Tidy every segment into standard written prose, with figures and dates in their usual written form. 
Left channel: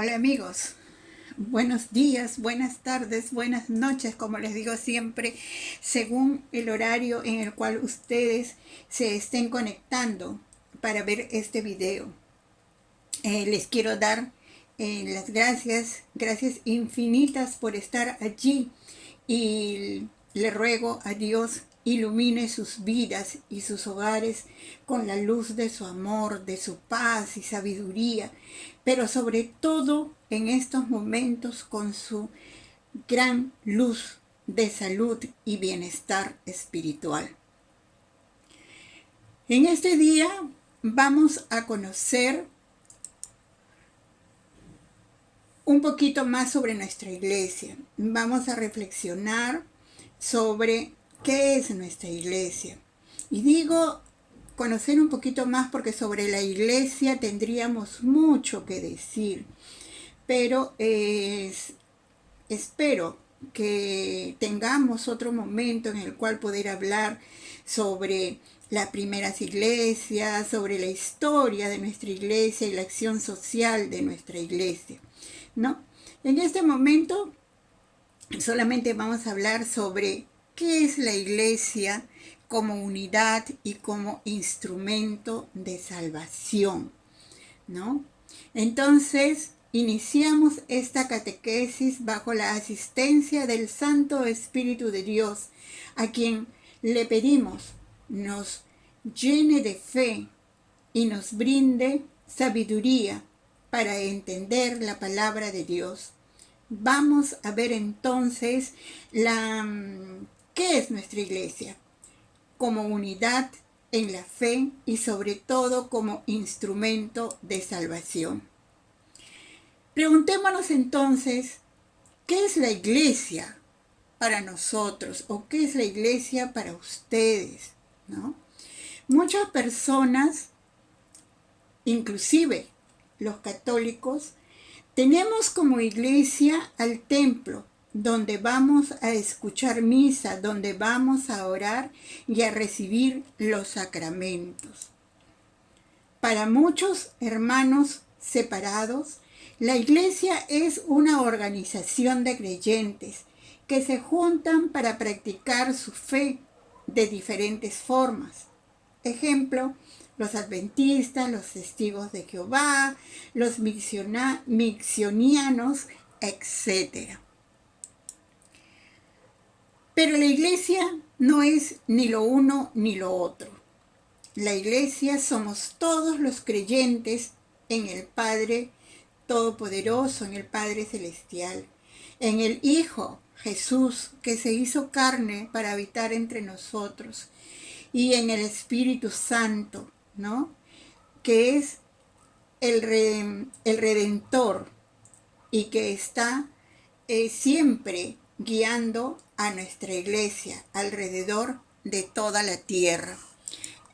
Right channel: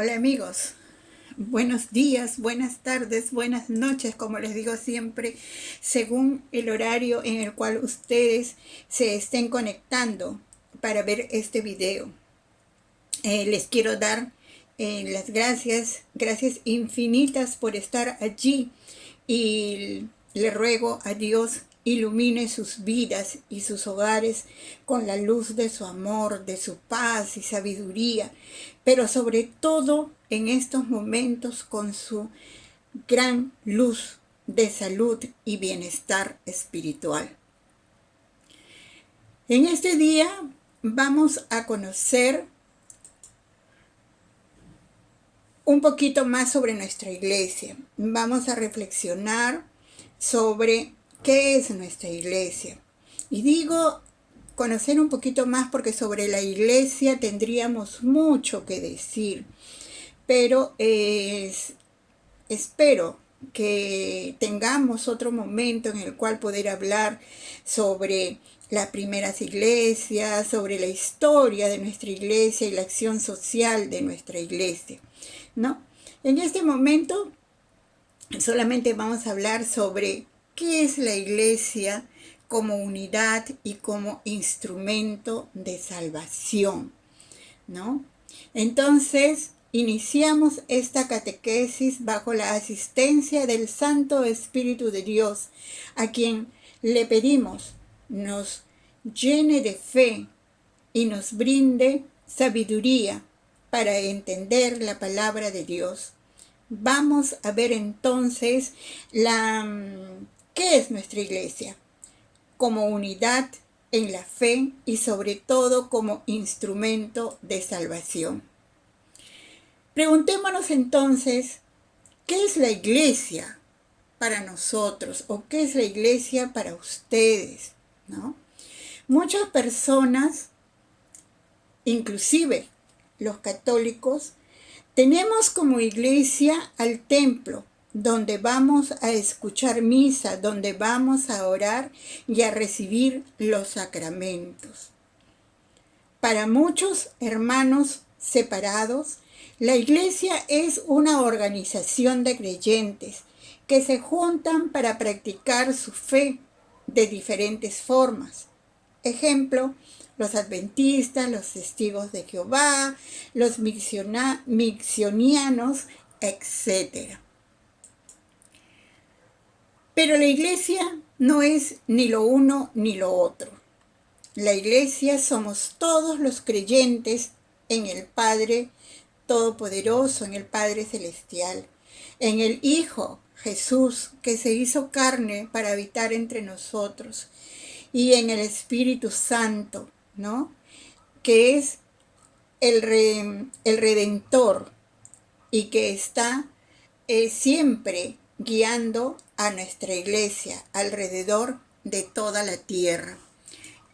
Hola amigos, buenos días, buenas tardes, buenas noches, como les digo siempre, según el horario en el cual ustedes se estén conectando para ver este video. Les quiero dar las gracias infinitas por estar allí y le ruego a Dios ilumine sus vidas y sus hogares con la luz de su amor, de su paz y sabiduría, pero sobre todo en estos momentos con su gran luz de salud y bienestar espiritual. En este día vamos a conocer un poquito más sobre nuestra iglesia. Vamos a reflexionar sobre qué es nuestra iglesia. Y digo conocer un poquito más porque sobre la iglesia tendríamos mucho que decir. Pero espero que tengamos otro momento en el cual poder hablar sobre las primeras iglesias, sobre la historia de nuestra iglesia y la acción social de nuestra iglesia, ¿no? En este momento solamente vamos a hablar sobre qué es la iglesia como unidad y como instrumento de salvación, ¿no? Entonces, iniciamos esta catequesis bajo la asistencia del Santo Espíritu de Dios, a quien le pedimos nos llene de fe y nos brinde sabiduría para entender la palabra de Dios. Vamos a ver entonces qué es nuestra iglesia como unidad en la fe y sobre todo como instrumento de salvación. Preguntémonos entonces, ¿qué es la iglesia para nosotros o qué es la iglesia para ustedes? ¿No? Muchas personas, inclusive los católicos, tenemos como iglesia al templo, donde vamos a escuchar misa, donde vamos a orar y a recibir los sacramentos. Para muchos hermanos separados, la iglesia es una organización de creyentes que se juntan para practicar su fe de diferentes formas. Ejemplo, los adventistas, los testigos de Jehová, los missionianos, etc. Pero la iglesia no es ni lo uno ni lo otro. La iglesia somos todos los creyentes en el Padre Todopoderoso, en el Padre Celestial, en el Hijo Jesús que se hizo carne para habitar entre nosotros, y en el Espíritu Santo, ¿no? Que es el Redentor y que está siempre guiando a nuestra iglesia alrededor de toda la tierra.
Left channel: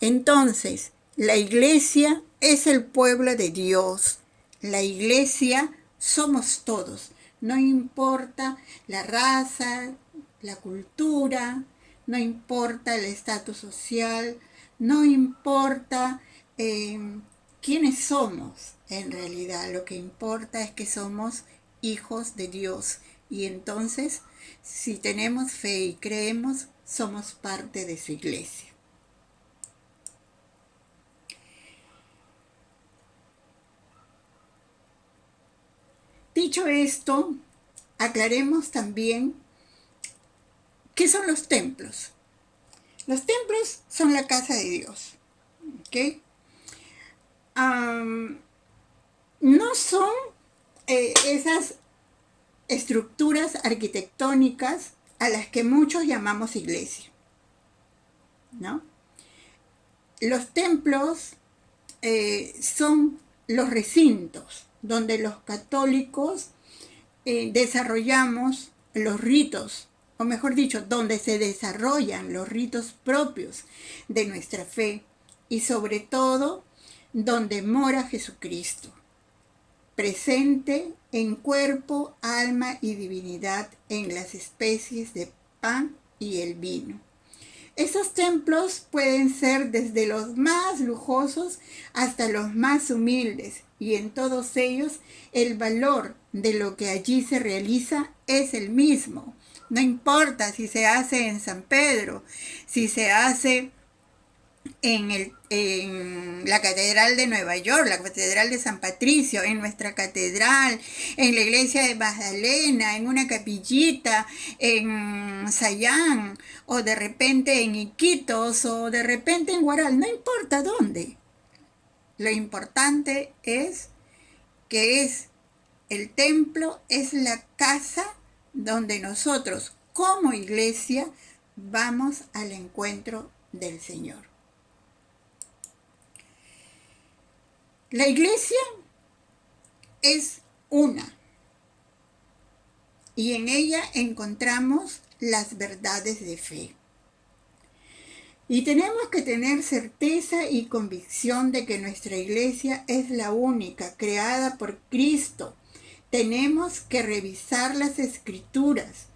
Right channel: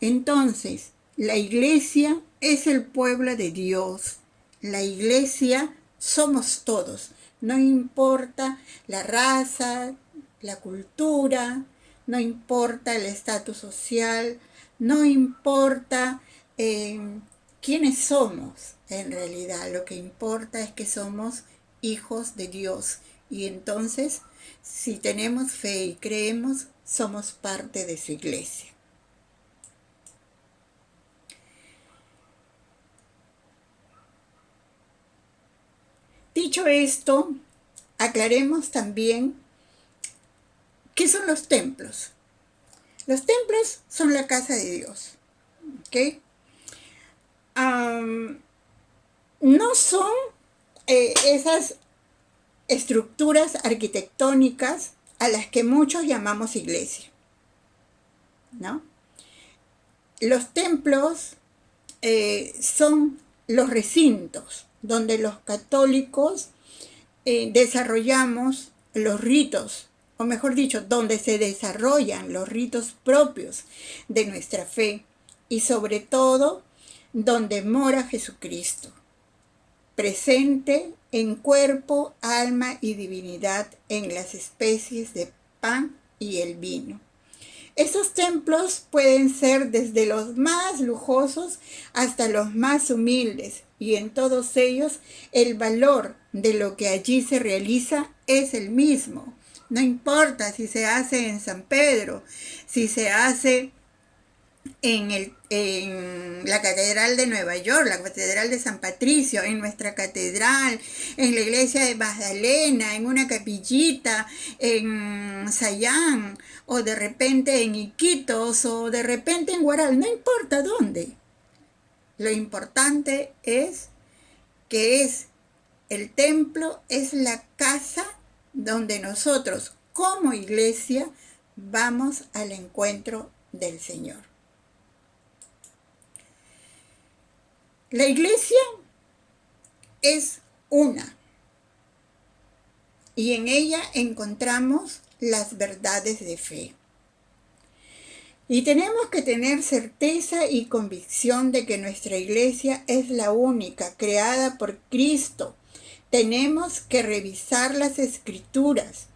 Entonces, la iglesia es el pueblo de Dios. La iglesia somos todos. No importa la raza, la cultura, no importa el estatus social, no importa quiénes somos en realidad. Lo que importa es que somos hijos de Dios. Y entonces, si tenemos fe y creemos, somos parte de su iglesia. Dicho esto, aclaremos también qué son los templos. Los templos son la casa de Dios, ¿ok? No son esas estructuras arquitectónicas a las que muchos llamamos iglesia, ¿no? Los templos son los recintos donde los católicos desarrollamos los ritos, o mejor dicho, donde se desarrollan los ritos propios de nuestra fe y sobre todo donde mora Jesucristo, presente en cuerpo, alma y divinidad en las especies de pan y el vino. Estos templos pueden ser desde los más lujosos hasta los más humildes y en todos ellos el valor de lo que allí se realiza es el mismo. No importa si se hace en San Pedro, si se hace en la Catedral de Nueva York, la Catedral de San Patricio, en nuestra catedral, en la iglesia de Magdalena, en una capillita, en Sayán, o de repente en Iquitos, o de repente en Huaral, no importa dónde. Lo importante es que es el templo, es la casa donde nosotros como iglesia vamos al encuentro del Señor. La iglesia es una y en ella encontramos las verdades de fe. Y tenemos que tener certeza y convicción de que nuestra iglesia es la única, creada por Cristo. Tenemos que revisar las Escrituras,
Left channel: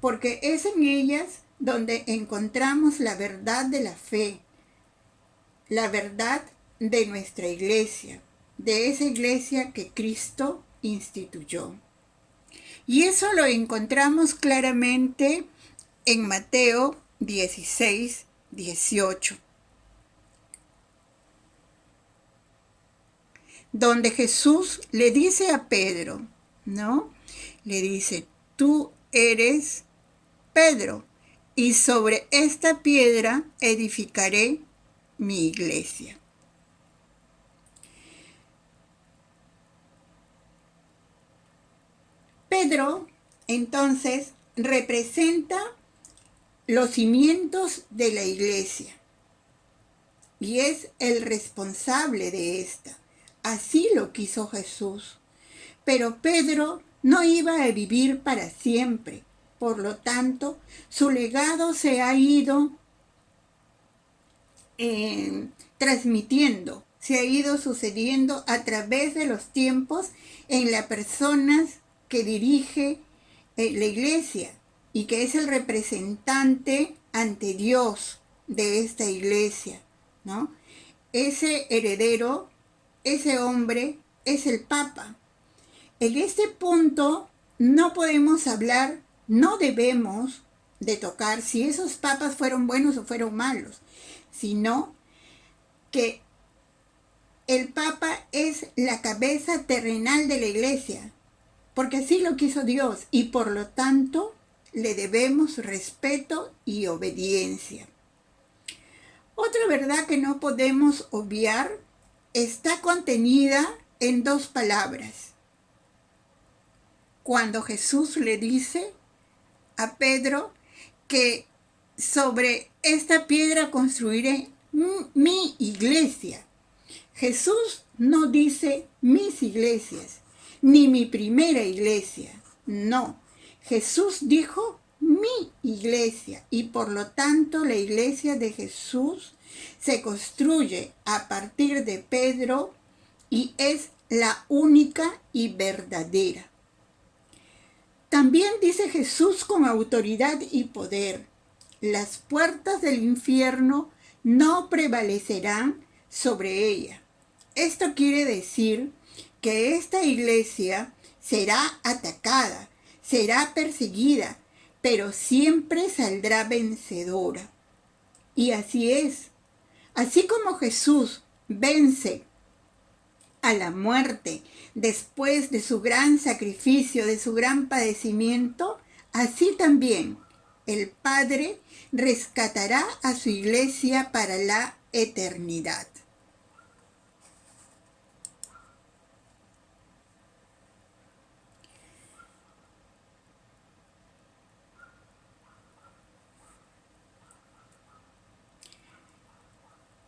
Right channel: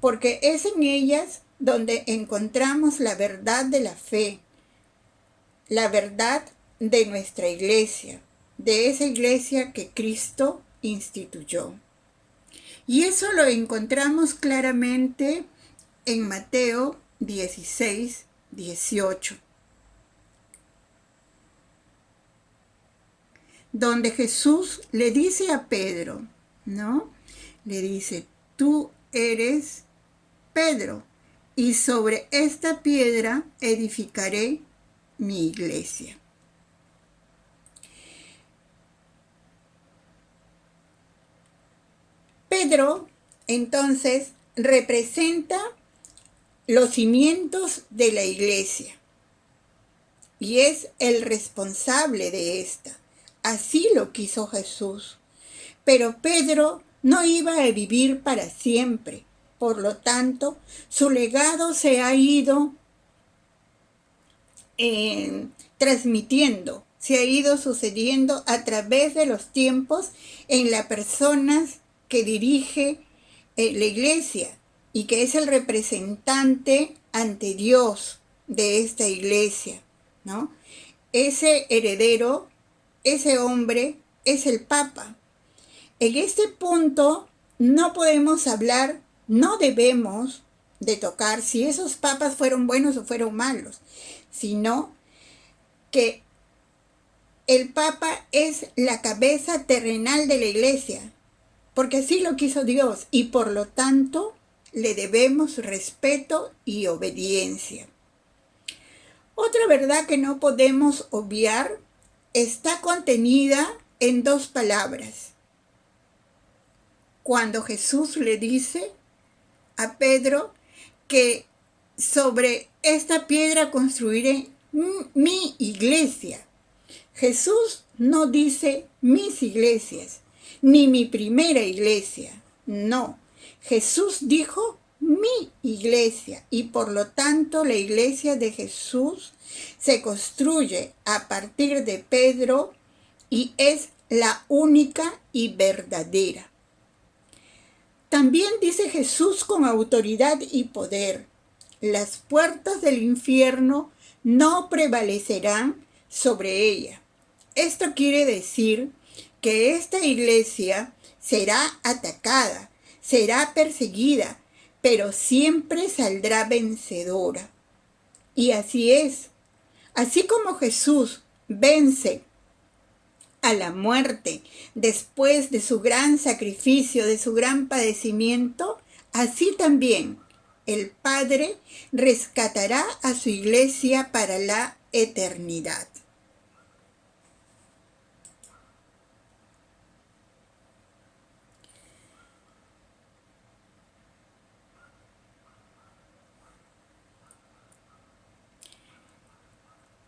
porque es en ellas donde encontramos la verdad de la fe, la verdad de nuestra iglesia, de esa iglesia que Cristo instituyó. Y eso lo encontramos claramente en Mateo 16, 18, donde Jesús le dice a Pedro, ¿no? Le dice, tú eres Pedro, y sobre esta piedra edificaré mi iglesia. Pedro, entonces, representa los cimientos de la iglesia y es el responsable de esta. Así lo quiso Jesús. Pero Pedro no iba a vivir para siempre. Por lo tanto, su legado se ha ido transmitiendo, se ha ido sucediendo a través de los tiempos en las personas que dirige la iglesia y que es el representante ante Dios de esta iglesia, ¿no? Ese heredero, ese hombre, es el Papa. En este punto no podemos hablar, no debemos de tocar si esos papas fueron buenos o fueron malos, sino que el Papa es la cabeza terrenal de la iglesia, porque así lo quiso Dios y por lo tanto le debemos respeto y obediencia. Otra verdad que no podemos obviar está contenida en dos palabras. Cuando Jesús le dice a Pedro que sobre esta piedra construiré mi iglesia. Jesús no dice mis iglesias, ni mi primera iglesia. No, Jesús dijo mi iglesia y por lo tanto la iglesia de Jesús se construye a partir de Pedro y es la única y verdadera. También dice Jesús con autoridad y poder, las puertas del infierno no prevalecerán sobre ella. Esto quiere decir que esta iglesia será atacada, será perseguida, pero siempre saldrá vencedora. Y así es. Así como Jesús vence a la muerte después de su gran sacrificio, de su gran padecimiento, así también el Padre rescatará a su iglesia para la eternidad.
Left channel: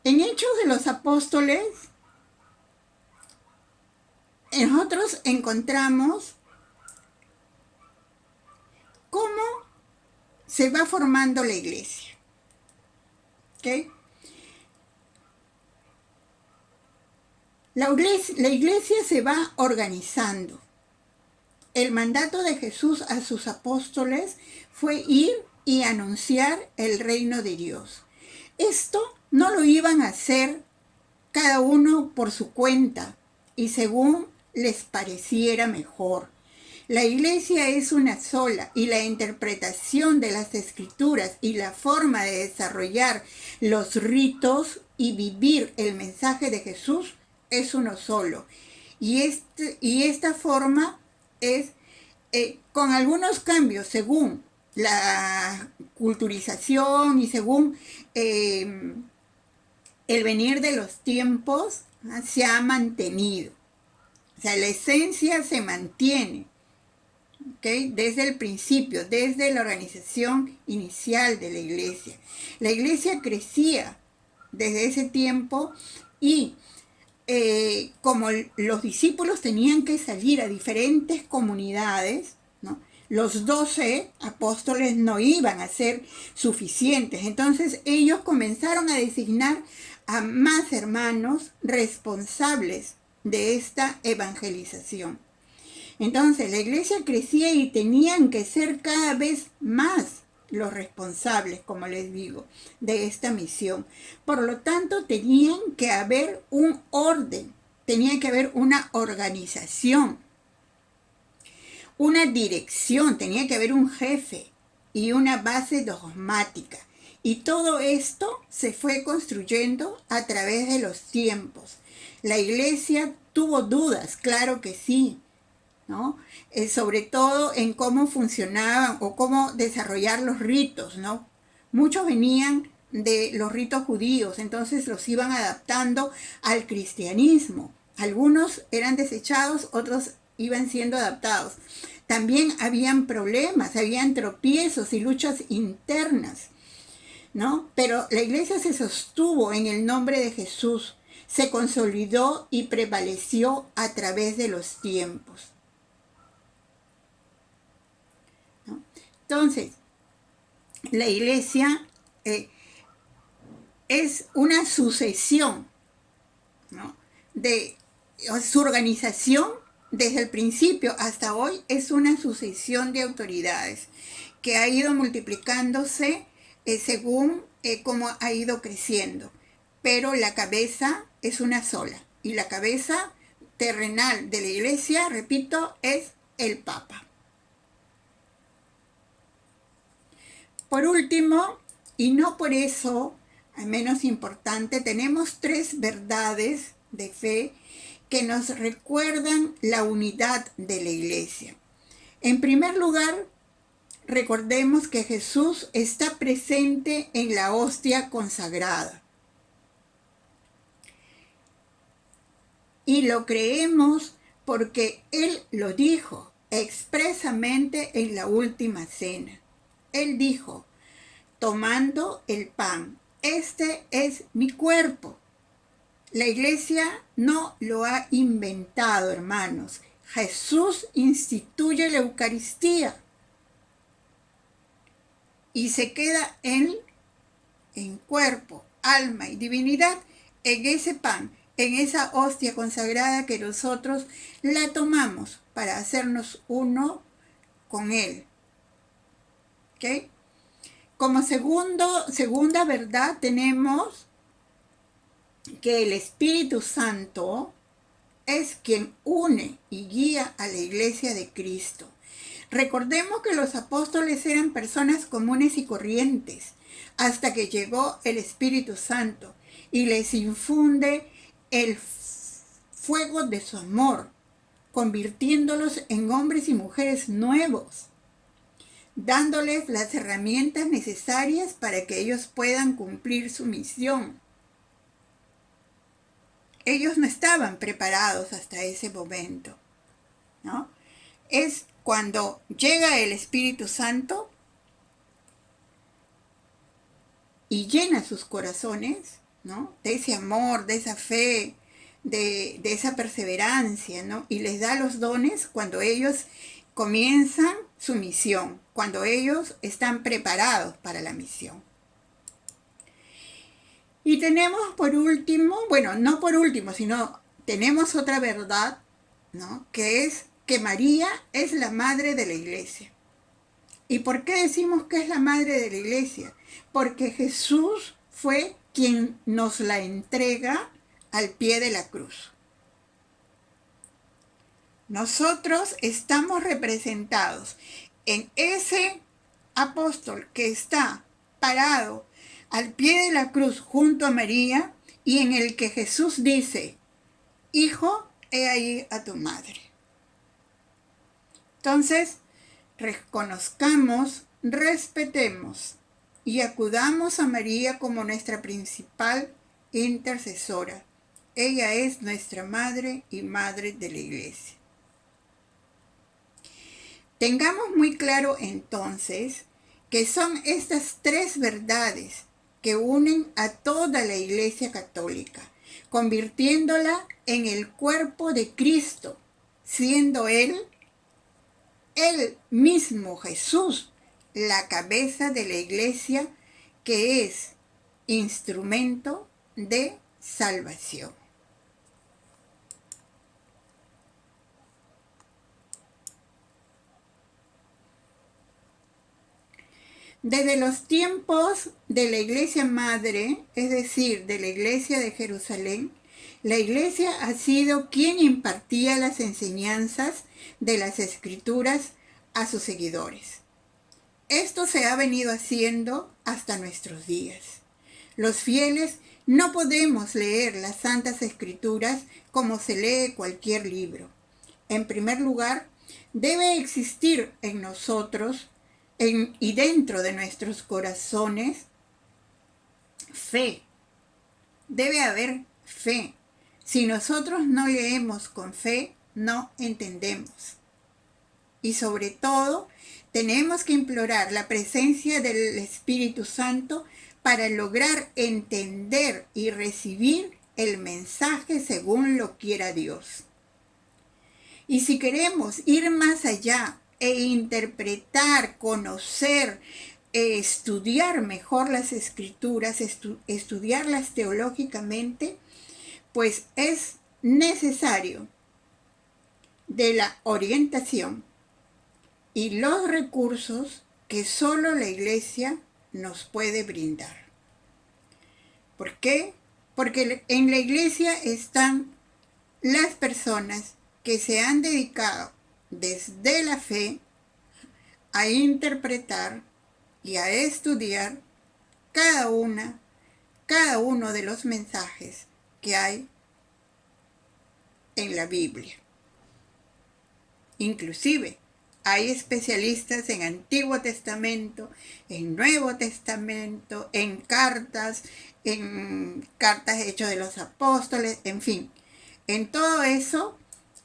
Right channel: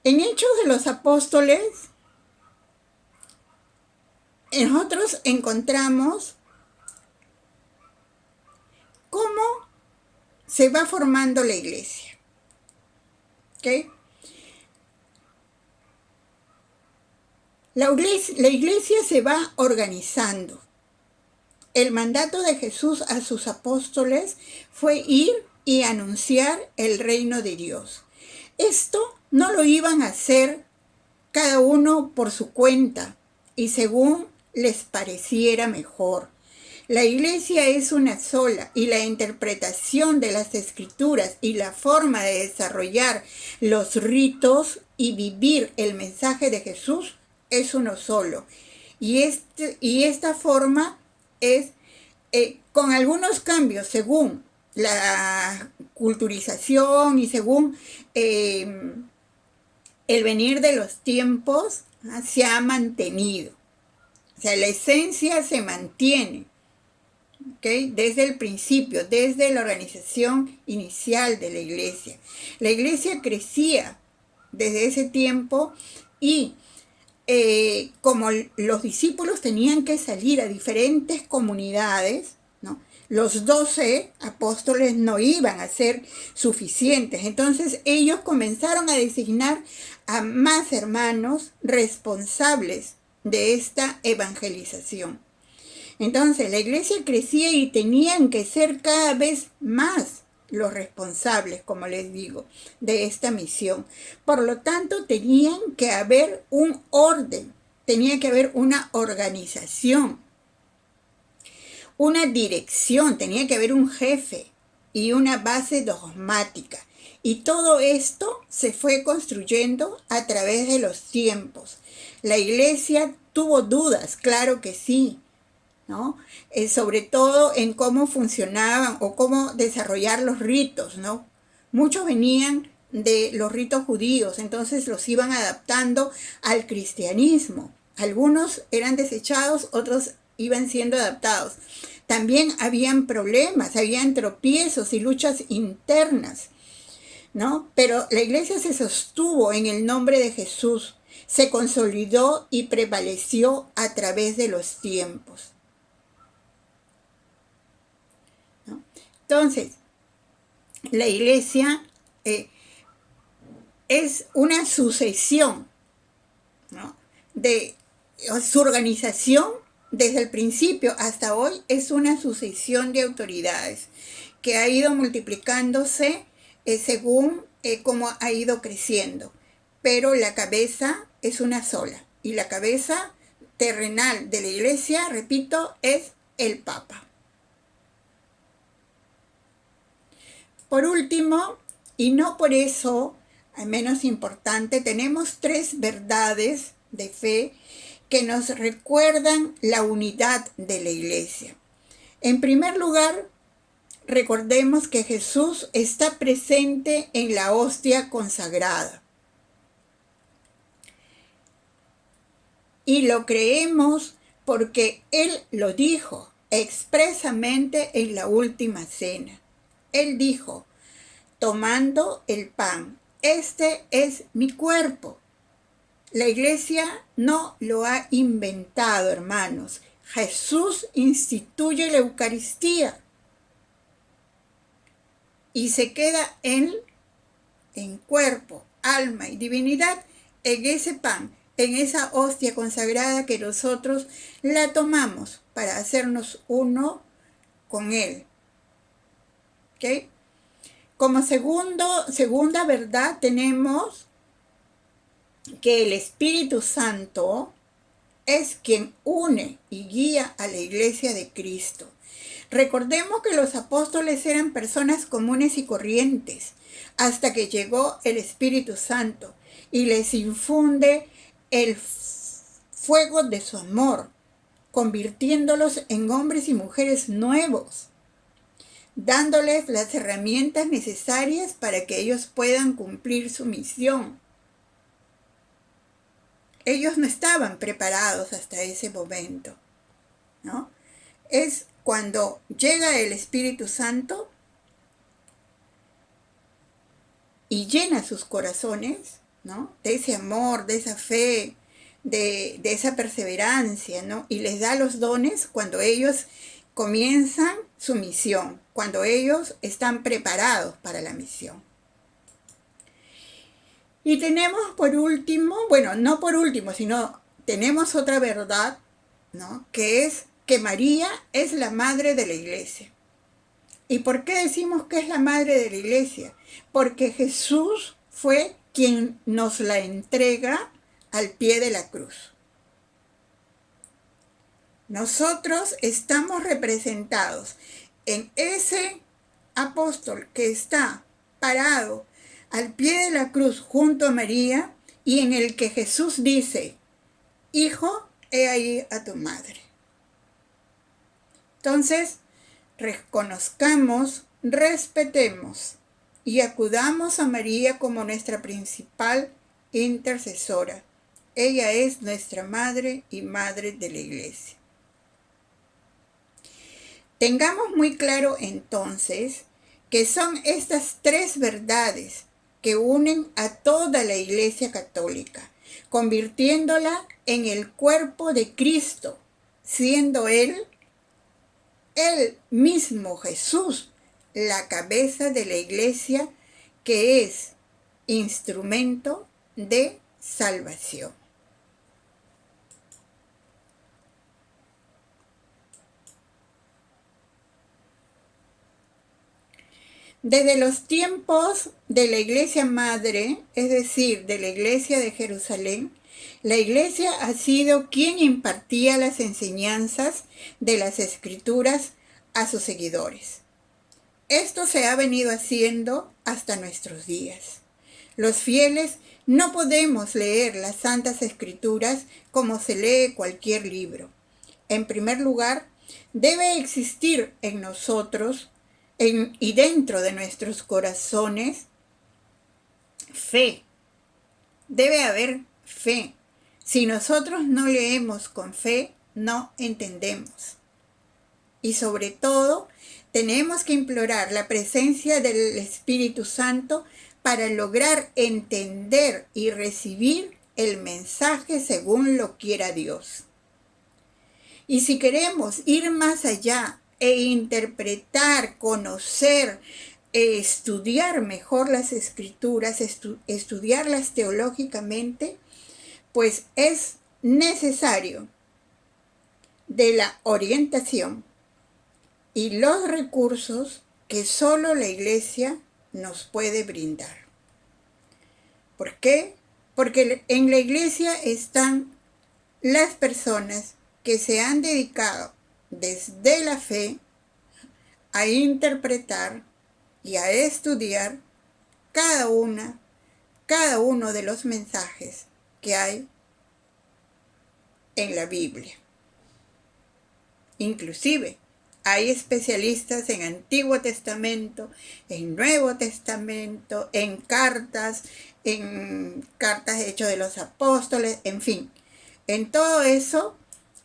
En Hechos de los Apóstoles, nosotros encontramos cómo se va formando la iglesia. ¿Okay? La iglesia se va organizando. El mandato de Jesús a sus apóstoles fue ir y anunciar el reino de Dios. Esto no lo iban a hacer cada uno por su cuenta, y según les pareciera mejor. La iglesia es una sola y la interpretación de las escrituras y la forma de desarrollar los ritos y vivir el mensaje de Jesús es uno solo. Y esta forma es con algunos cambios según la culturización y según el venir de los tiempos, se ha mantenido. O sea, la esencia se mantiene, ¿okay? Desde el principio, desde la organización inicial de la iglesia. La iglesia crecía desde ese tiempo y como los discípulos tenían que salir a diferentes comunidades, ¿no? Los 12 apóstoles no iban a ser suficientes. Entonces ellos comenzaron a designar a más hermanos responsables de esta evangelización. Entonces la iglesia crecía y tenían que ser cada vez más los responsables, como les digo, de esta misión. Por lo tanto, tenían que haber un orden, tenía que haber una organización, una dirección, tenía que haber un jefe y una base dogmática. Y todo esto se fue construyendo a través de los tiempos. La iglesia tuvo dudas, claro que sí, ¿no? Sobre todo en cómo funcionaban o cómo desarrollar los ritos, ¿no? Muchos venían de los ritos judíos, entonces los iban adaptando al cristianismo. Algunos eran desechados, otros iban siendo adaptados. También habían problemas, habían tropiezos y luchas internas, ¿no? Pero la iglesia se sostuvo en el nombre de Jesús, se consolidó y prevaleció a través de los tiempos. Entonces, la iglesia es una sucesión, ¿no? De su organización desde el principio hasta hoy es una sucesión de autoridades que ha ido multiplicándose según cómo ha ido creciendo. Pero la cabeza es una sola y la cabeza terrenal de la iglesia, repito, es el Papa. Por último, y no por eso menos importante, tenemos 3 verdades de fe que nos recuerdan la unidad de la iglesia. En primer lugar, recordemos que Jesús está presente en la hostia consagrada. Y lo creemos porque Él lo dijo expresamente en la última cena. Él dijo, tomando el pan, este es mi cuerpo. La iglesia no lo ha inventado, hermanos. Jesús instituye la Eucaristía y se queda Él en cuerpo, alma y divinidad en ese pan, en esa hostia consagrada que nosotros la tomamos para hacernos uno con Él. ¿Okay? Como segunda verdad tenemos que el Espíritu Santo es quien une y guía a la iglesia de Cristo. Recordemos que los apóstoles eran personas comunes y corrientes hasta que llegó el Espíritu Santo y les infunde el fuego de su amor, convirtiéndolos en hombres y mujeres nuevos, dándoles las herramientas necesarias para que ellos puedan cumplir su misión. Ellos no estaban preparados hasta ese momento, ¿no? Es cuando llega el Espíritu Santo y llena sus corazones, ¿no? De ese amor, de esa fe, de esa perseverancia, ¿no? Y les da los dones cuando ellos comienzan su misión, cuando ellos están preparados para la misión. Y tenemos por último, bueno, no por último, sino tenemos otra verdad, ¿no? Que es que María es la madre de la iglesia. ¿Y por qué decimos que es la madre de la iglesia? Porque Jesús fue quien nos la entrega al pie de la cruz. Nosotros estamos representados en ese apóstol que está parado al pie de la cruz junto a María y en el que Jesús dice: Hijo, he ahí a tu madre. Entonces, reconozcamos, respetemos y acudamos a María como nuestra principal intercesora. Ella es nuestra madre y madre de la Iglesia. Tengamos muy claro entonces que son estas tres verdades que unen a toda la Iglesia católica, convirtiéndola en el cuerpo de Cristo, siendo Él mismo Jesús, la cabeza de la Iglesia, que es instrumento de salvación. Desde los tiempos de la Iglesia Madre, es decir, de la Iglesia de Jerusalén, la Iglesia ha sido quien impartía las enseñanzas de las Escrituras a sus seguidores. Esto se ha venido haciendo hasta nuestros días. Los fieles no podemos leer las Santas Escrituras como se lee cualquier libro. En primer lugar, debe existir en nosotros y dentro de nuestros corazones fe. Debe haber fe. Si nosotros no leemos con fe, no entendemos. Y sobre todo, tenemos que implorar la presencia del Espíritu Santo para lograr entender y recibir el mensaje según lo quiera Dios. Y si queremos ir más allá e interpretar, conocer, estudiar mejor las Escrituras, estudiarlas teológicamente, pues es necesario de la orientación y los recursos que solo la Iglesia nos puede brindar. ¿Por qué? Porque en la Iglesia están las personas que se han dedicado desde la fe a interpretar y a estudiar cada uno de los mensajes que hay en la Biblia. Inclusive hay especialistas en Antiguo Testamento, en Nuevo Testamento, en cartas Hechos de los Apóstoles, en fin. En todo eso,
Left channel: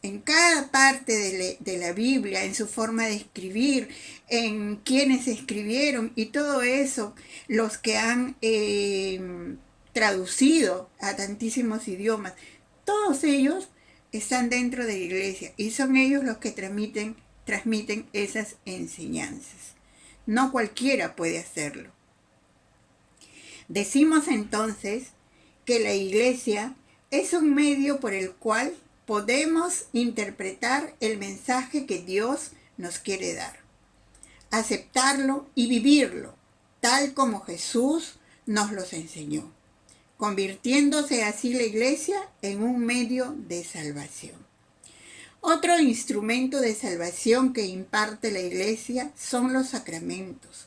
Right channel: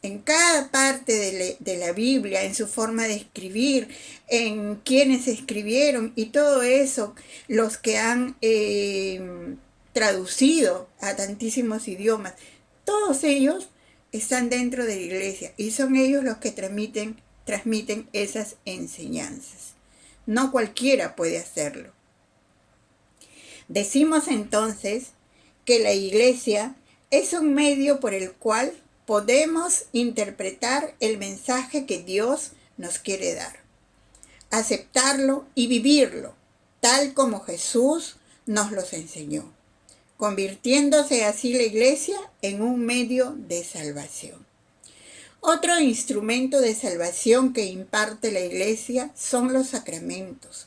en cada parte de la Biblia, en su forma de escribir, en quienes escribieron y todo eso, los que han traducido a tantísimos idiomas, todos ellos están dentro de la Iglesia y son ellos los que transmiten esas enseñanzas. No cualquiera puede hacerlo. Decimos entonces que la Iglesia es un medio por el cual podemos interpretar el mensaje que Dios nos quiere dar, aceptarlo y vivirlo, tal como Jesús nos los enseñó, convirtiéndose así la Iglesia en un medio de salvación. Otro instrumento de salvación que imparte la Iglesia son los sacramentos,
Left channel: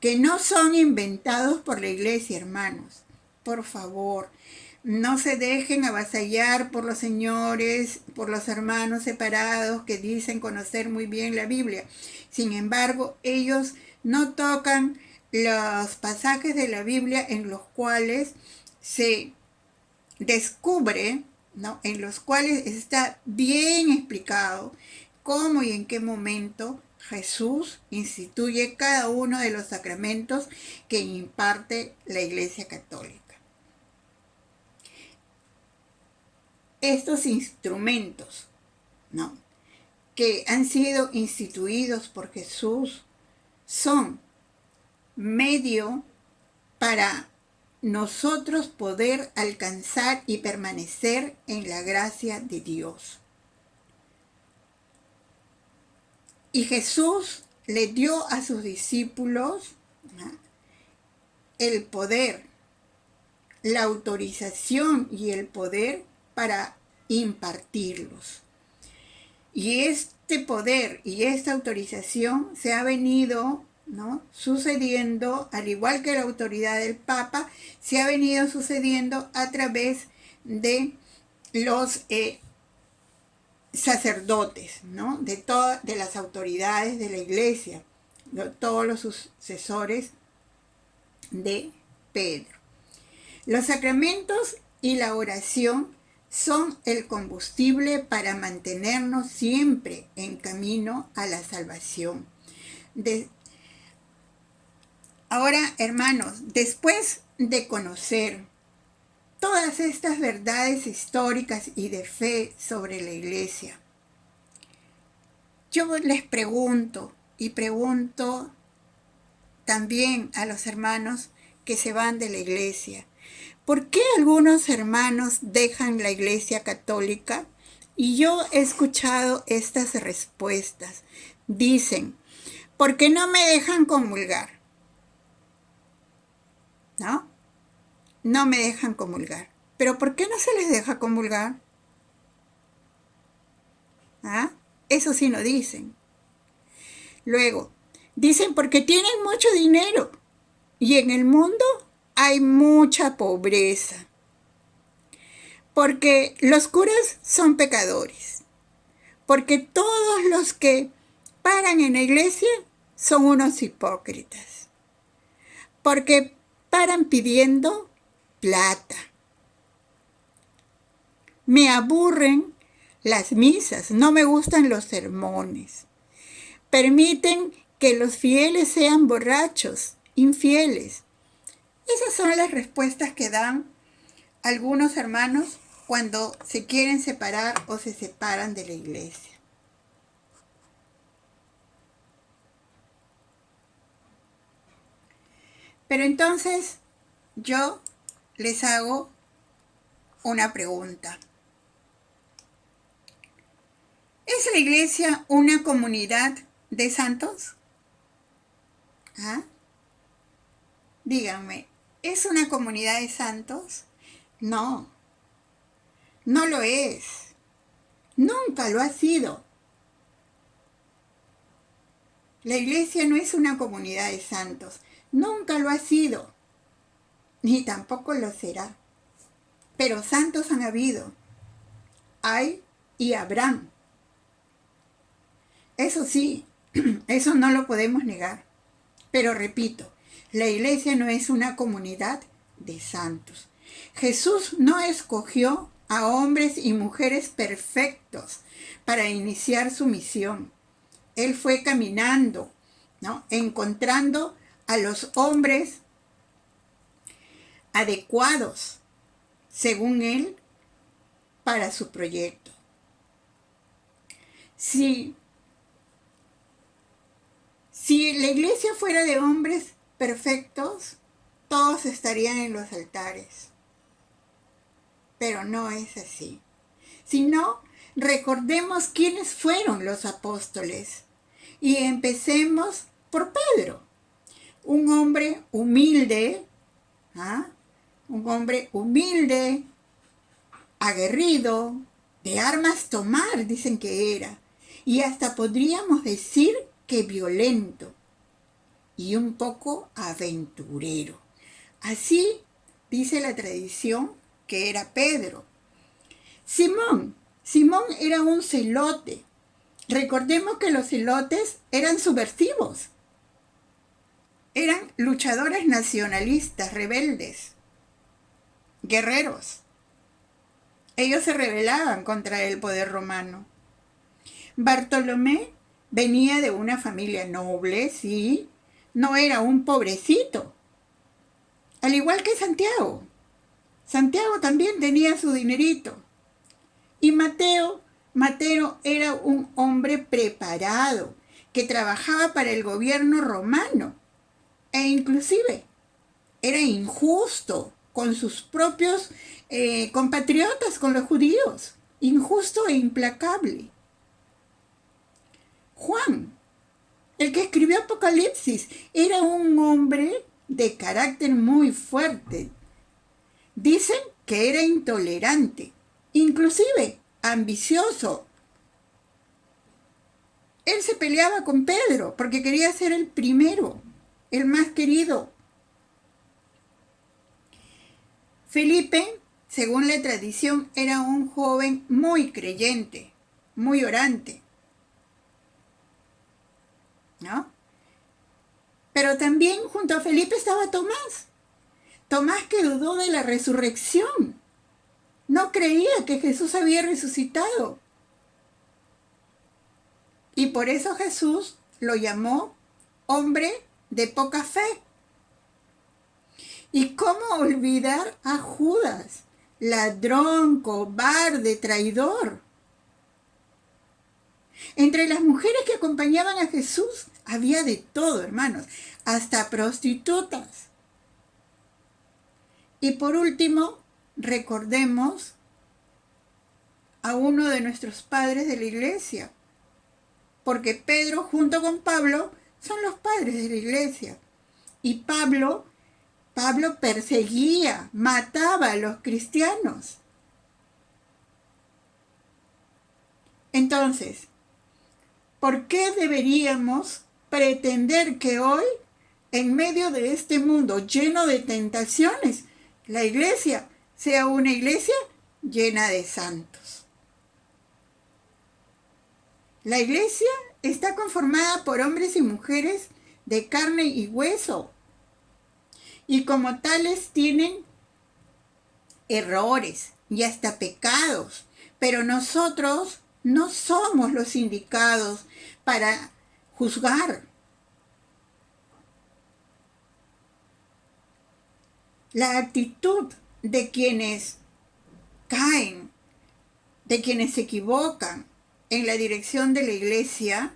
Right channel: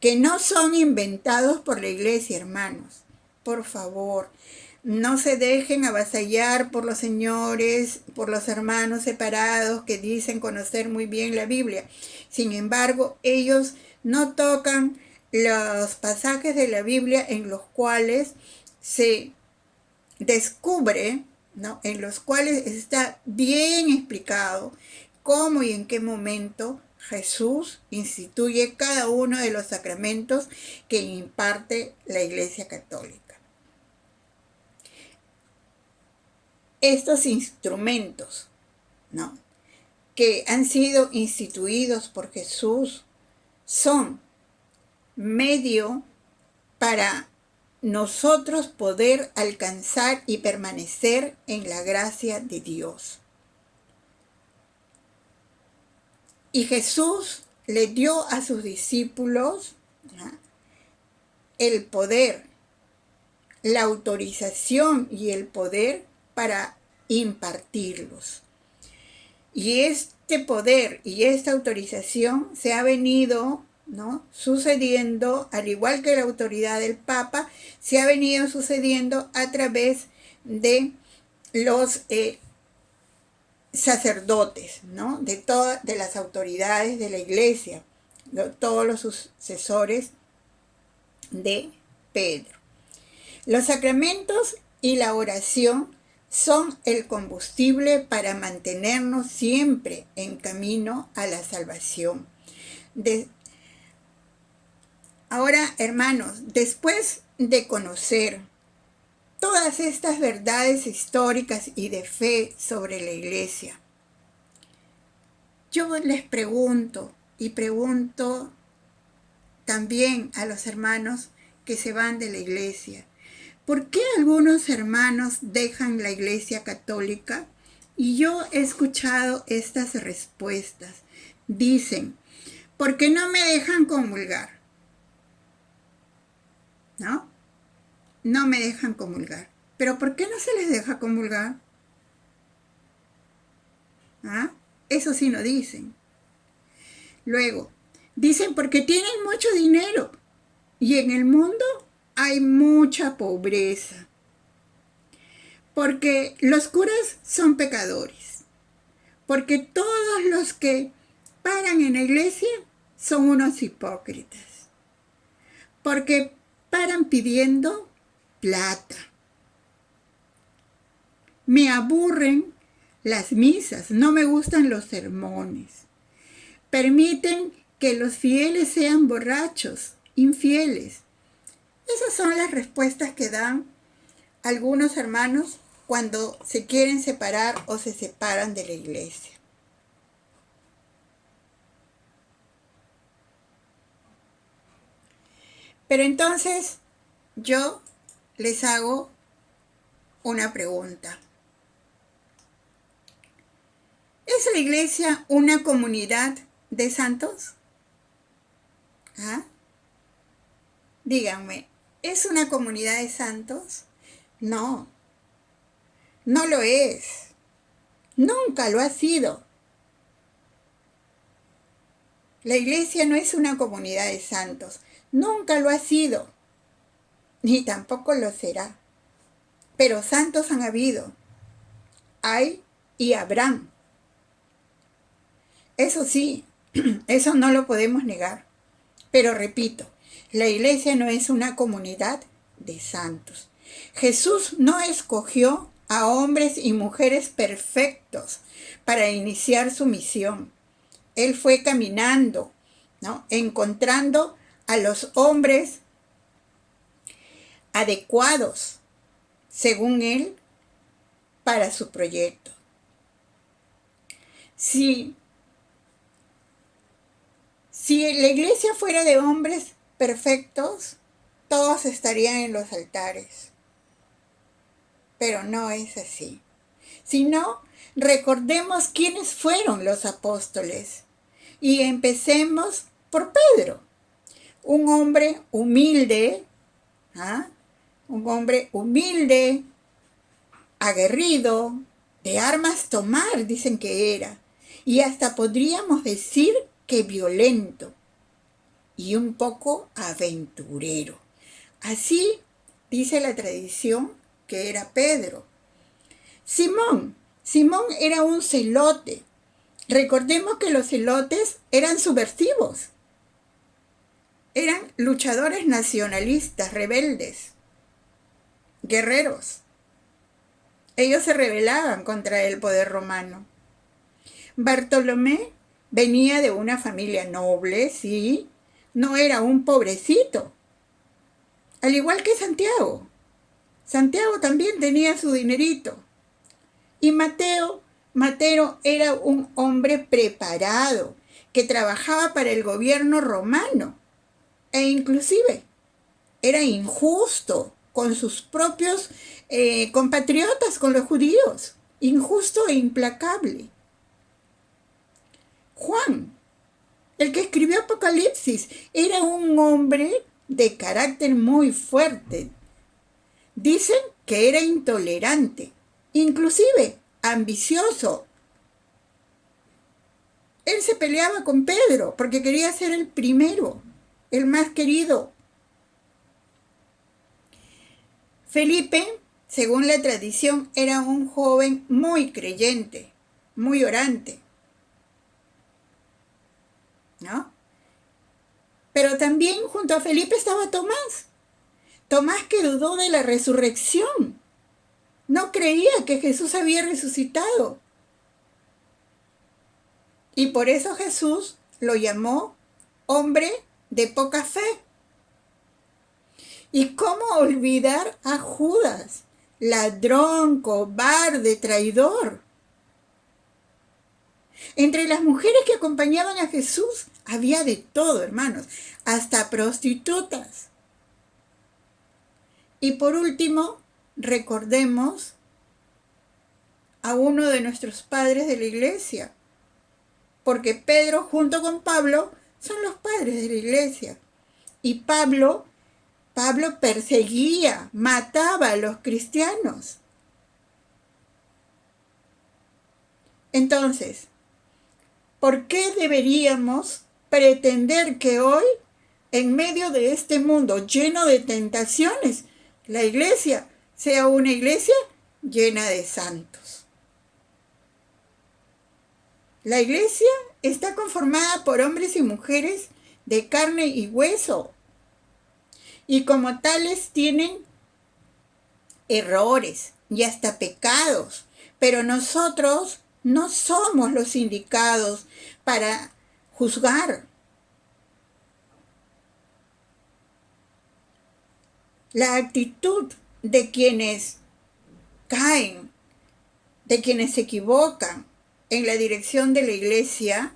que no son inventados por la Iglesia, hermanos. Por favor, no se dejen avasallar por los señores, por los hermanos separados que dicen conocer muy bien la Biblia. Sin embargo, ellos no tocan los pasajes de la Biblia en los cuales se descubre, ¿no? En los cuales está bien explicado cómo y en qué momento Jesús instituye cada uno de los sacramentos que imparte la Iglesia Católica. Estos instrumentos, ¿no?, que han sido instituidos por Jesús son medio para nosotros poder alcanzar y permanecer en la gracia de Dios. Y Jesús le dio a sus discípulos, ¿no?, el poder, la autorización y el poder para impartirlos. Y este poder y esta autorización se ha venido, ¿no?, sucediendo, al igual que la autoridad del Papa, se ha venido sucediendo a través de los sacerdotes, ¿no?, de las autoridades de la Iglesia, todos los sucesores de Pedro. Los sacramentos y la oración son el combustible para mantenernos siempre en camino a la salvación. Ahora, hermanos, después de conocer todas estas verdades históricas y de fe sobre la Iglesia, yo les pregunto y pregunto también a los hermanos que se van de la Iglesia, ¿por qué algunos hermanos dejan la Iglesia Católica? Y yo he escuchado estas respuestas. Dicen, porque no me dejan comulgar, ¿no? No me dejan comulgar. ¿Pero por qué no se les deja comulgar? ¿Ah? Eso sí no dicen. Luego, dicen porque tienen mucho dinero y en el mundo hay mucha pobreza. Porque los curas son pecadores. Porque todos los que paran en la iglesia son unos hipócritas. Porque paran pidiendo plata. Me aburren las misas, no me gustan los sermones. Permiten que los fieles sean borrachos, infieles. Esas son las respuestas que dan algunos hermanos cuando se quieren separar o se separan de la iglesia. Pero entonces yo les hago una pregunta. ¿Es la iglesia una comunidad de santos? ¿Ah? Díganme, ¿es una comunidad de santos? No, no lo es. Nunca lo ha sido. La iglesia no es una comunidad de santos. Nunca lo ha sido. Ni tampoco lo será. Pero santos han habido. Hay y habrán. Eso sí, eso no lo podemos negar. Pero repito, la iglesia no es una comunidad de santos. Jesús no escogió a hombres y mujeres perfectos para iniciar su misión. Él fue caminando, ¿no?, encontrando a los hombres adecuados, según él, para su proyecto. Si la iglesia fuera de hombres perfectos, todos estarían en los altares. Pero no es así. Si no, recordemos quiénes fueron los apóstoles. Y empecemos por Pedro, un hombre humilde, un hombre humilde, aguerrido, de armas tomar, dicen que era, y hasta podríamos decir que violento y un poco aventurero. Así dice la tradición que era Pedro. Simón era un celote. Recordemos que los celotes eran subversivos. Eran luchadores nacionalistas, rebeldes, guerreros. Ellos se rebelaban contra el poder romano. Bartolomé venía de una familia noble, sí, no era un pobrecito. Al igual que Santiago. Santiago también tenía su dinerito. Y Mateo era un hombre preparado que trabajaba para el gobierno romano e inclusive era injusto con sus propios compatriotas, con los judíos. Injusto e implacable. Juan, el que escribió Apocalipsis, era un hombre de carácter muy fuerte. Dicen que era intolerante, inclusive ambicioso. también se peleaba con Pedro porque quería ser el primero, el más querido. Felipe, según la tradición, era un joven muy creyente, muy orante, ¿no? Pero también junto a Felipe estaba Tomás. Tomás que dudó de la resurrección. No creía que Jesús había resucitado. Y por eso Jesús lo llamó hombre de poca fe. ¿Y cómo olvidar a Judas, ladrón, cobarde, traidor? Entre las mujeres que acompañaban a Jesús había de todo, hermanos, hasta prostitutas. Y por último, recordemos a uno de nuestros padres de la iglesia, porque Pedro junto con Pablo son los padres de la iglesia. Y Pablo perseguía, mataba a los cristianos. Entonces, ¿por qué deberíamos pretender que hoy, en medio de este mundo lleno de tentaciones, la iglesia sea una iglesia llena de santos? La iglesia está conformada por hombres y mujeres de carne y hueso, y como tales tienen errores y hasta pecados, pero nosotros no somos los indicados para juzgar. La actitud de quienes caen, de quienes se equivocan en la dirección de la iglesia,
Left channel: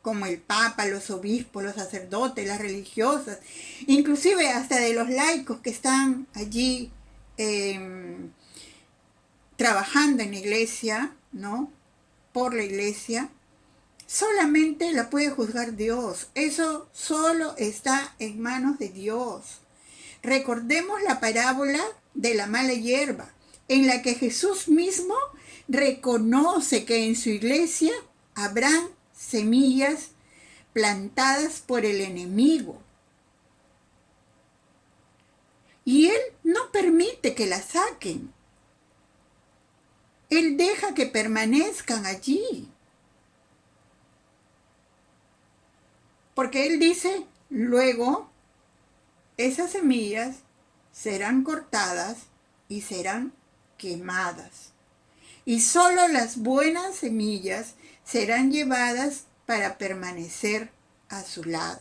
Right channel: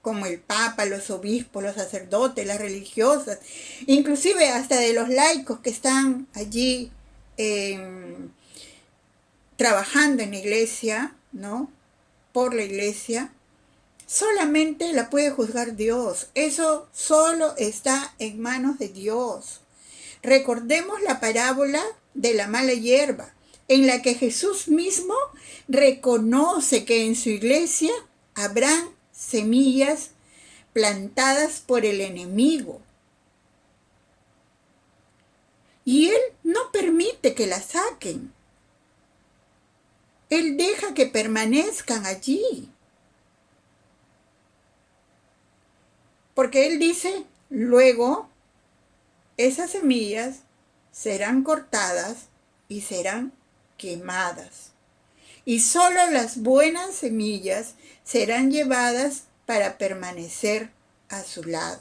como el Papa, los obispos, los sacerdotes, las religiosas, inclusive hasta de los laicos que están allí trabajando en la iglesia, ¿no? Por la iglesia, solamente la puede juzgar Dios. Eso solo está en manos de Dios. Recordemos la parábola de la mala hierba, en la que Jesús mismo reconoce que en su iglesia habrán semillas plantadas por el enemigo. Y Él no permite que las saquen. Él deja que permanezcan allí. Porque Él dice, luego esas semillas serán cortadas y serán quemadas. Y solo las buenas semillas serán llevadas para permanecer a su lado.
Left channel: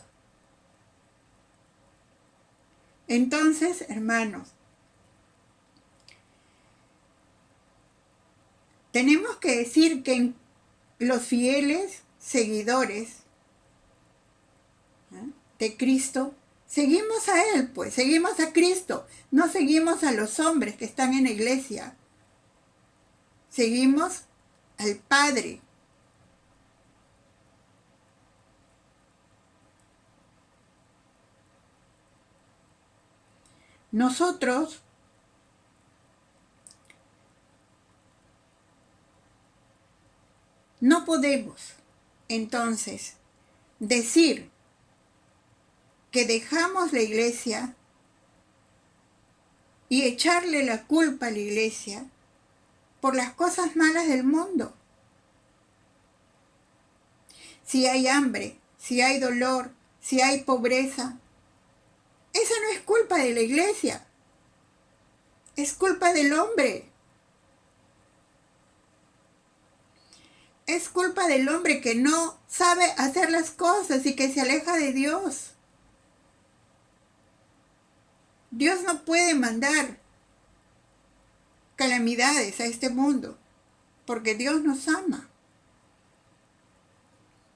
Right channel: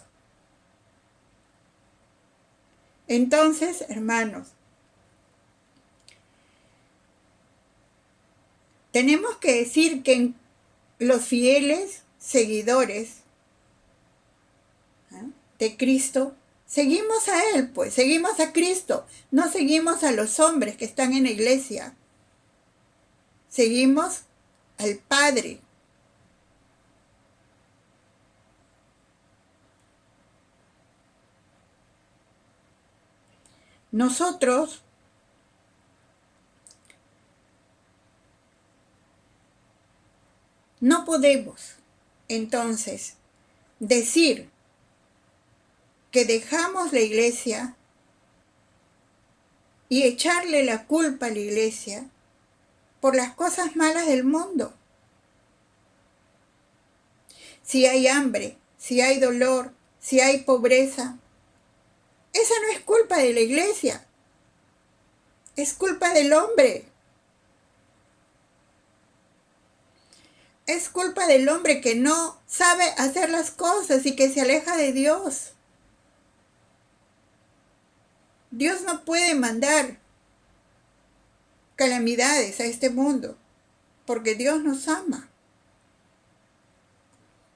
Entonces, hermanos, tenemos que decir que los fieles seguidores de Cristo, seguimos a Él, pues, seguimos a Cristo, no seguimos a los hombres que están en la iglesia, seguimos al Padre. Nosotros no podemos, entonces, decir que dejamos la iglesia y echarle la culpa a la iglesia por las cosas malas del mundo. Si hay hambre, si hay dolor, si hay pobreza, esa no es culpa de la iglesia, es culpa del hombre. Es culpa del hombre que no sabe hacer las cosas y que se aleja de Dios. Dios no puede mandar calamidades a este mundo, porque Dios nos ama.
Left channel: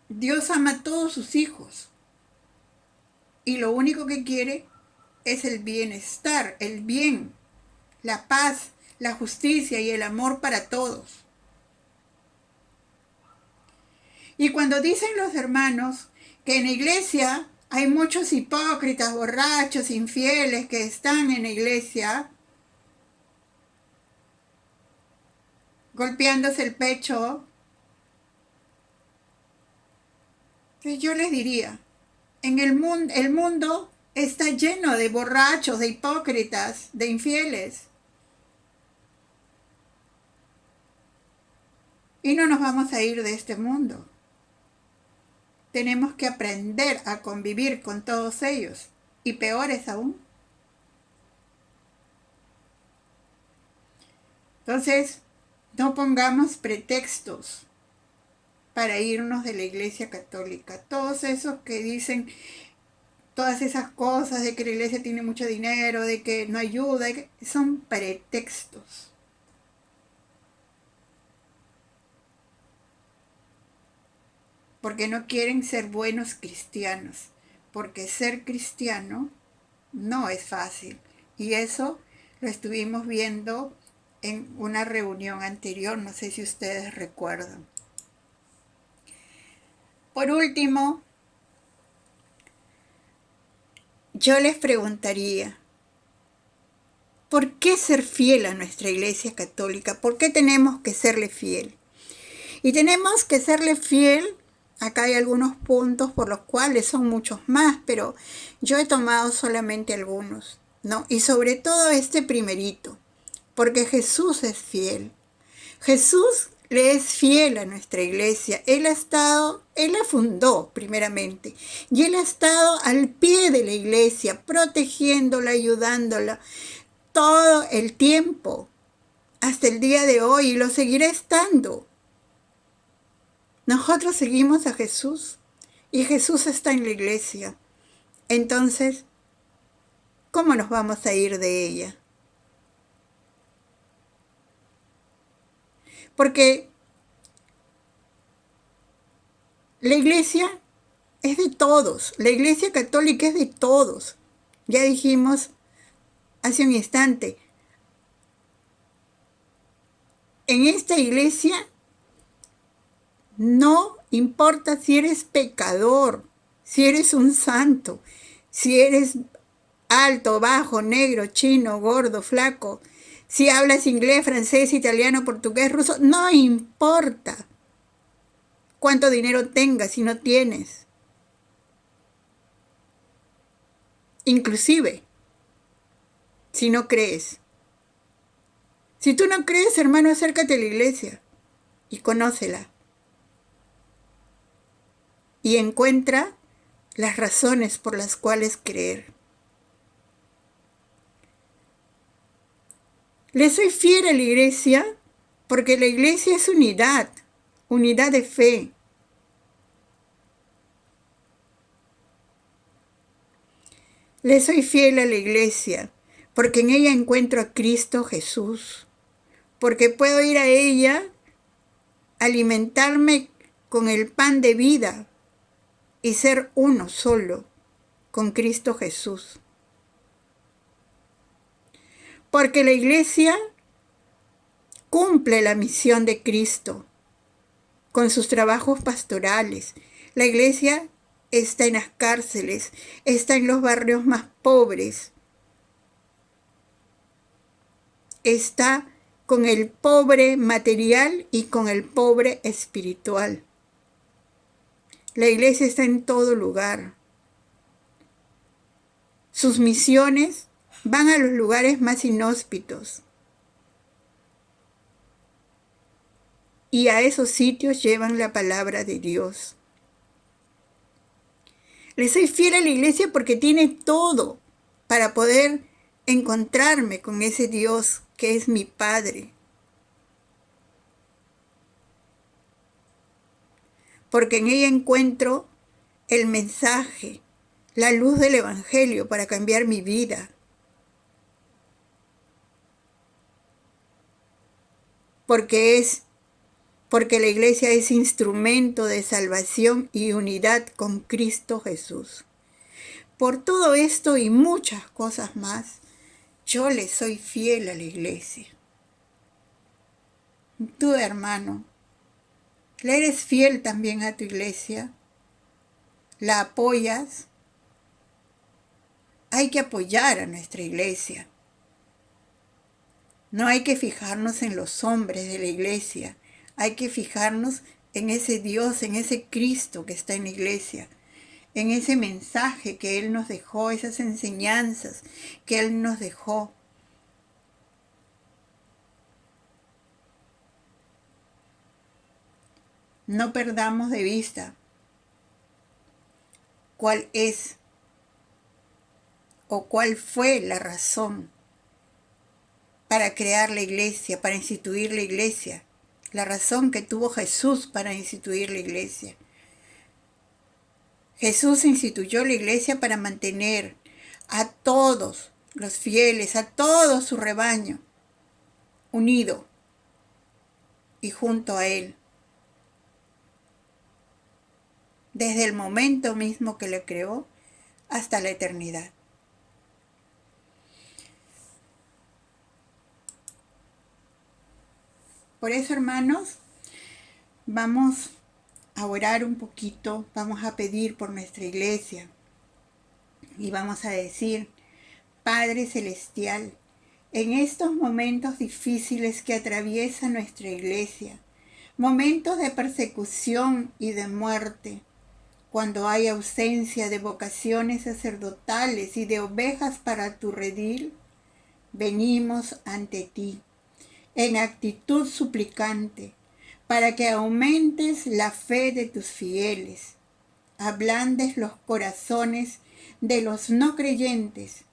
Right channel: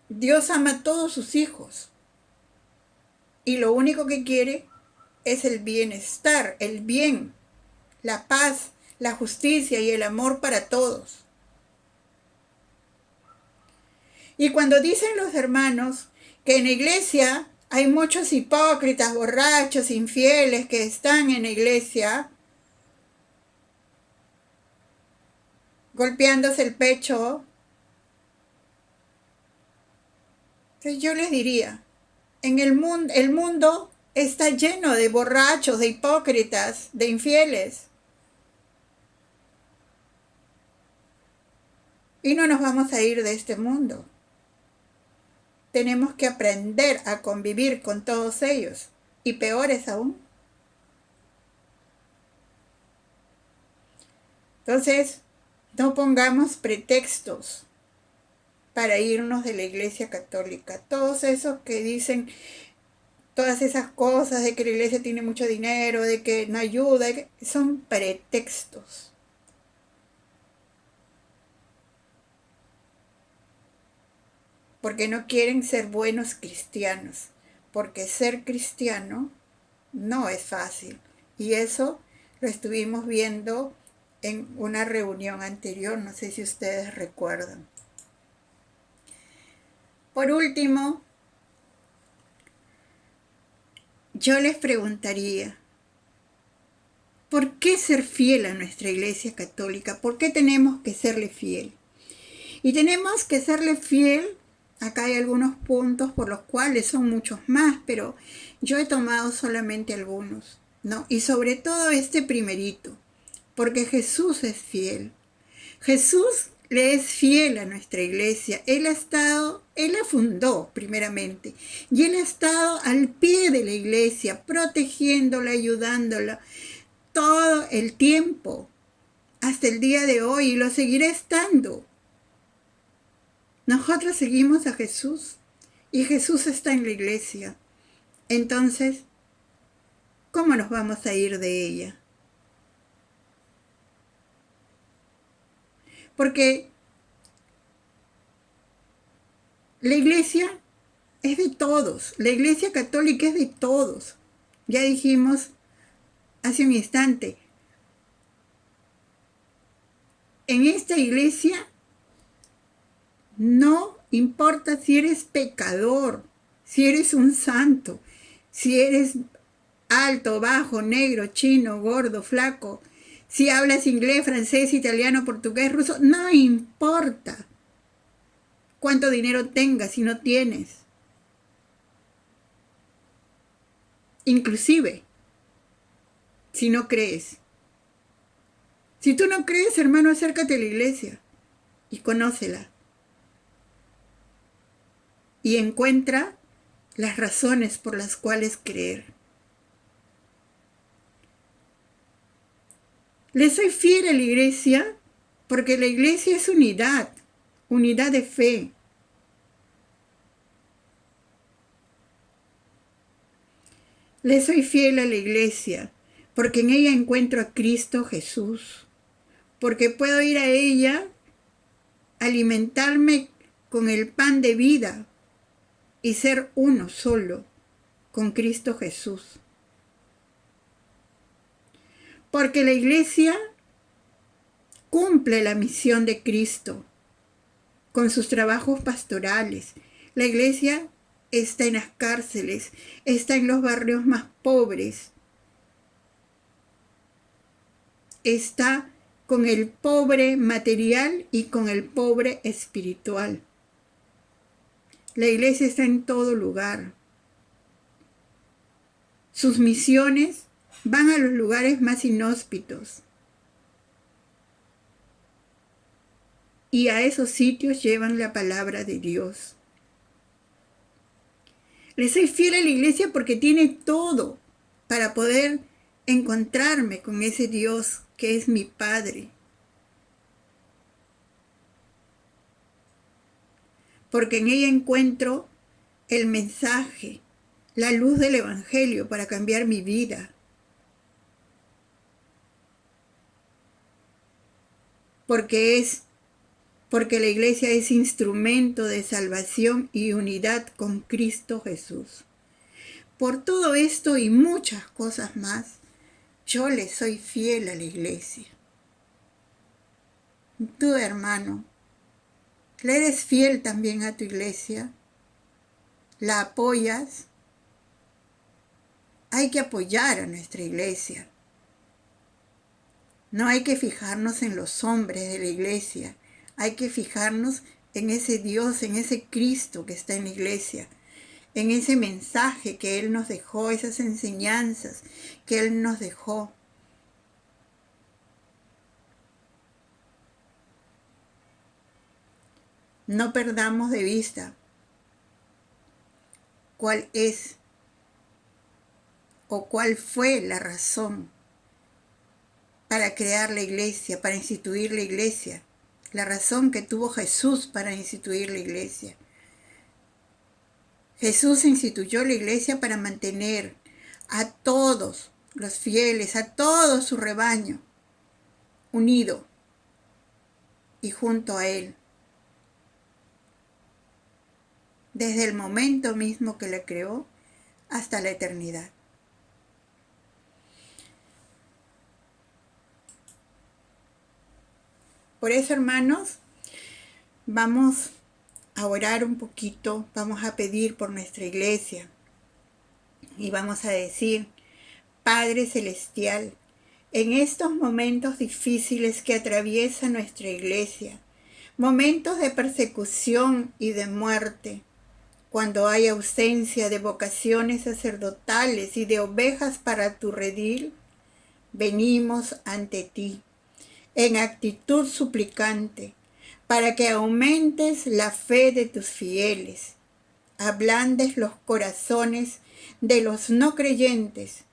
Dios ama a todos sus hijos. Y lo único que quiere es el bienestar, el bien, la paz, la justicia y el amor para todos. Y cuando dicen los hermanos que en la iglesia hay muchos hipócritas, borrachos, infieles que están en la iglesia golpeándose el pecho, Entonces yo les diría, el mundo está lleno de borrachos, de hipócritas, de infieles. Y no nos vamos a ir de este mundo. Tenemos que aprender a convivir con todos ellos. Y peores aún. Entonces, no pongamos pretextos para irnos de la Iglesia Católica. Todos esos que dicen todas esas cosas de que la Iglesia tiene mucho dinero, de que no ayuda, son pretextos. Porque no quieren ser buenos cristianos. Porque ser cristiano no es fácil. Y eso lo estuvimos viendo en una reunión anterior, no sé si ustedes recuerdan. Por último, yo les preguntaría, ¿por qué ser fiel a nuestra Iglesia Católica? ¿Por qué tenemos que serle fiel? Y tenemos que serle fiel, acá hay algunos puntos por los cuales son muchos más, pero yo he tomado solamente algunos, ¿no? Y sobre todo este primerito, porque Jesús es fiel. Jesús le es fiel a nuestra iglesia. Él la fundó primeramente, y Él ha estado al pie de la iglesia, protegiéndola, ayudándola, todo el tiempo, hasta el día de hoy, y lo seguirá estando. Nosotros seguimos a Jesús, y Jesús está en la iglesia. Entonces, ¿cómo nos vamos a ir de ella? Porque la iglesia es de todos, la Iglesia Católica es de todos. Ya dijimos hace un instante, en esta iglesia no importa si eres pecador, si eres un santo, si eres alto, bajo, negro, chino, gordo, flaco, si hablas inglés, francés, italiano, portugués, ruso, no importa cuánto dinero tengas si no tienes. Inclusive, si no crees. Si tú no crees, hermano, acércate a la iglesia y conócela. Y encuentra las razones por las cuales creer. Le soy fiel a la iglesia porque la iglesia es unidad, unidad de fe. Le soy fiel a la iglesia porque en ella encuentro a Cristo Jesús, porque puedo ir a ella, alimentarme con el pan de vida y ser uno solo con Cristo Jesús. Porque la iglesia cumple la misión de Cristo con sus trabajos pastorales. La iglesia está en las cárceles, está en los barrios más pobres, está con el pobre material y con el pobre espiritual. La iglesia está en todo lugar. Sus misiones van a los lugares más inhóspitos. Y a esos sitios llevan la palabra de Dios. Le soy fiel a la iglesia porque tiene todo para poder encontrarme con ese Dios que es mi Padre. Porque en ella encuentro el mensaje, la luz del Evangelio para cambiar mi vida. Porque la iglesia es instrumento de salvación y unidad con Cristo Jesús. Por todo esto y muchas cosas más, yo le soy fiel a la iglesia. Tú, hermano, ¿le eres fiel también a tu iglesia? ¿La apoyas? Hay que apoyar a nuestra iglesia. No hay que fijarnos en los hombres de la iglesia. Hay que fijarnos en ese Dios, en ese Cristo que está en la iglesia, en ese mensaje que Él nos dejó, esas enseñanzas que Él nos dejó. No perdamos de vista cuál es o cuál fue la razón para crear la iglesia, para instituir la iglesia, la razón que tuvo Jesús para instituir la iglesia. Jesús instituyó la iglesia para mantener a todos los fieles, a todo su rebaño, unido y junto a Él. Desde el momento mismo que la creó hasta la eternidad. Por eso, hermanos, vamos a orar un poquito, vamos a pedir por nuestra iglesia y vamos a decir: Padre Celestial, en estos momentos difíciles que atraviesa nuestra iglesia, momentos de persecución y de muerte, cuando hay ausencia de vocaciones sacerdotales y de ovejas para tu redil, venimos ante ti en actitud suplicante, para que aumentes la fe de tus fieles, ablandes los corazones de los no creyentes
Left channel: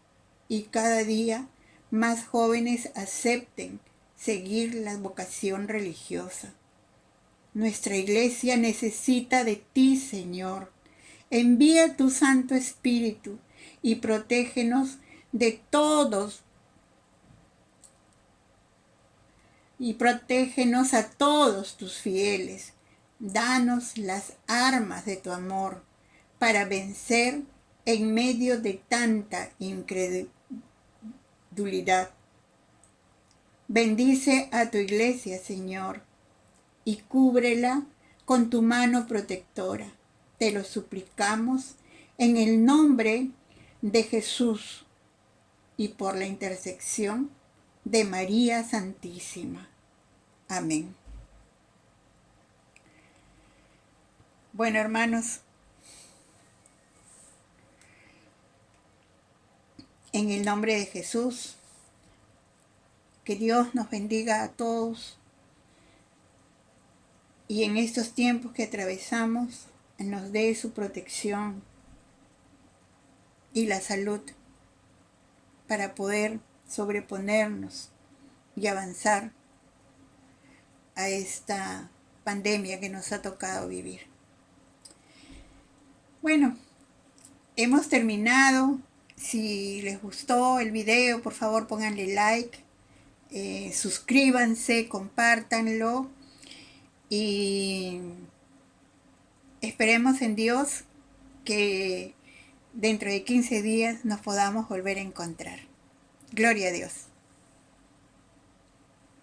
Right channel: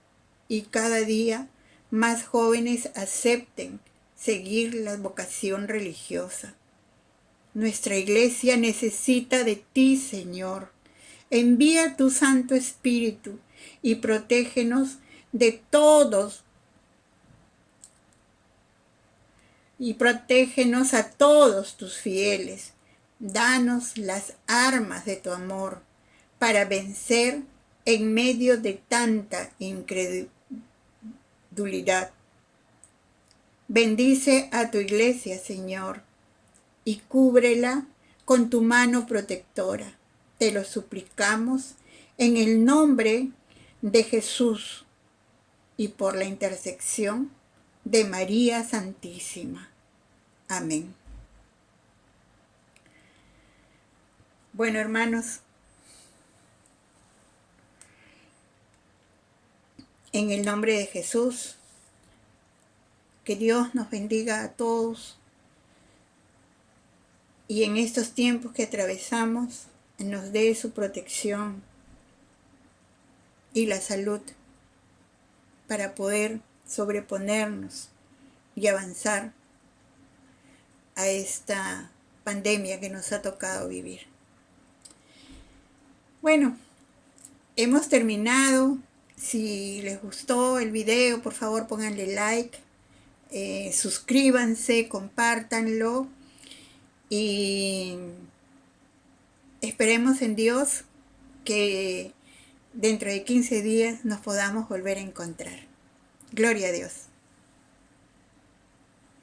y cada día más jóvenes acepten seguir la vocación religiosa. Nuestra iglesia necesita de ti, Señor. Envía tu Santo Espíritu y protégenos de todos y protégenos a todos tus fieles. Danos las armas de tu amor para vencer en medio de tanta incredulidad. Bendice a tu iglesia, Señor, y cúbrela con tu mano protectora. Te lo suplicamos en el nombre de Jesús y por la intersección de María Santísima. Amén. Bueno, hermanos, en el nombre de Jesús, que Dios nos bendiga a todos y en estos tiempos que atravesamos nos dé su protección y la salud para poder sobreponernos y avanzar a esta pandemia que nos ha tocado vivir. Bueno, hemos terminado. Si les gustó el video, por favor pónganle like, suscríbanse, compártanlo y esperemos en Dios que dentro de 15 días nos podamos volver a encontrar. Gloria a Dios.